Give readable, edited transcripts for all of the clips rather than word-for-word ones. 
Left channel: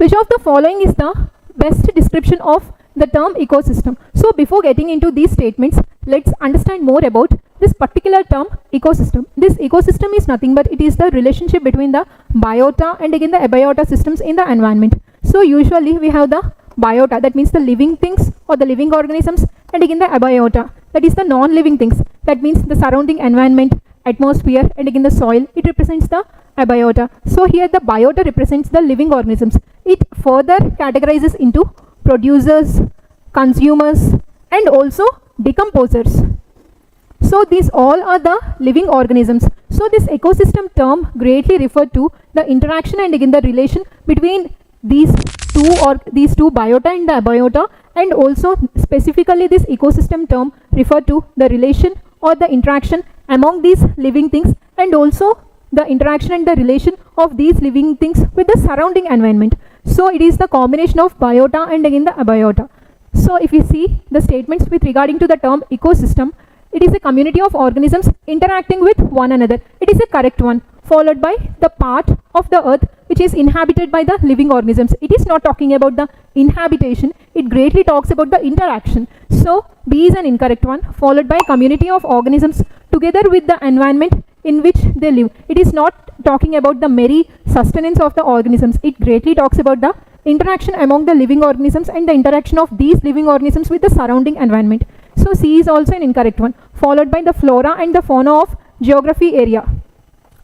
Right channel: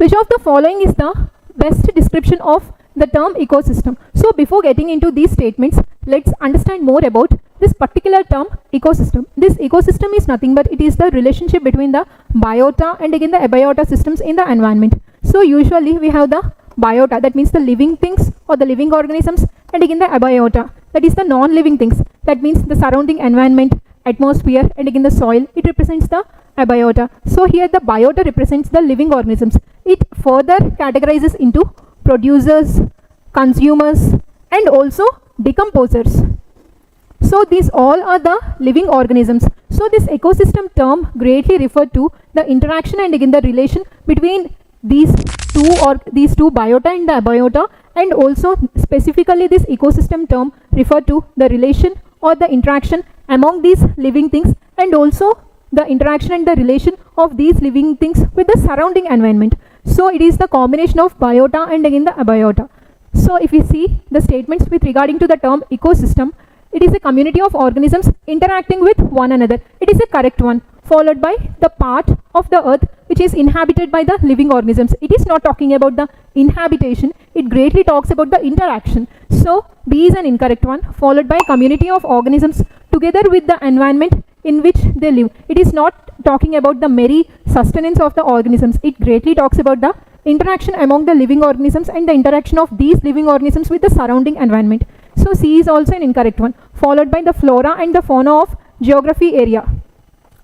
Which of the following is the best description of the term ecosystem? So before getting into these statements, let's understand more about this particular term ecosystem. This ecosystem is nothing but it is the relationship between the biota and again the abiota systems in the environment. So usually we have the biota, that means the living things or the living organisms, and again the abiota, that is the non-living things, that means the surrounding environment, atmosphere, and again the soil. It represents the abiota. So here the biota represents the living organisms. It further categorizes into producers, consumers, and also decomposers. So these all are the living organisms. So this ecosystem term greatly referred to the interaction and again the relation between these two biota and the abiota, and also specifically this ecosystem term referred to the relation or the interaction among these living things, and also the interaction and the relation of these living things with the surrounding environment. So it is the combination of biota and again the abiota. So if you see the statements with regarding to the term ecosystem, it is a community of organisms interacting with one another. It is a correct one, followed by the part of the earth which is inhabited by the living organisms. It is not talking about the inhabitation, it greatly talks about the interaction. So B is an incorrect one, followed by community of organisms together with the environment in which they live. It is not talking about the mere sustenance of the organisms. It greatly talks about the interaction among the living organisms and the interaction of these living organisms with the surrounding environment. So C is also an incorrect one, followed by the flora and the fauna of geography area.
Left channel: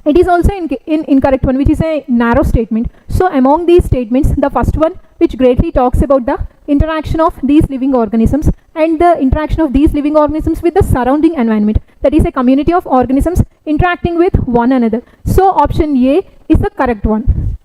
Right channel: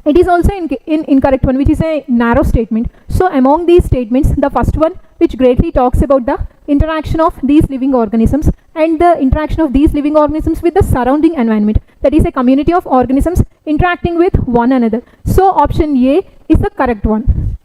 It is also an incorrect one, which is a narrow statement. So among these statements, the first one, which greatly talks about the interaction of these living organisms and the interaction of these living organisms with the surrounding environment, that is a community of organisms interacting with one another. So option A is the correct one.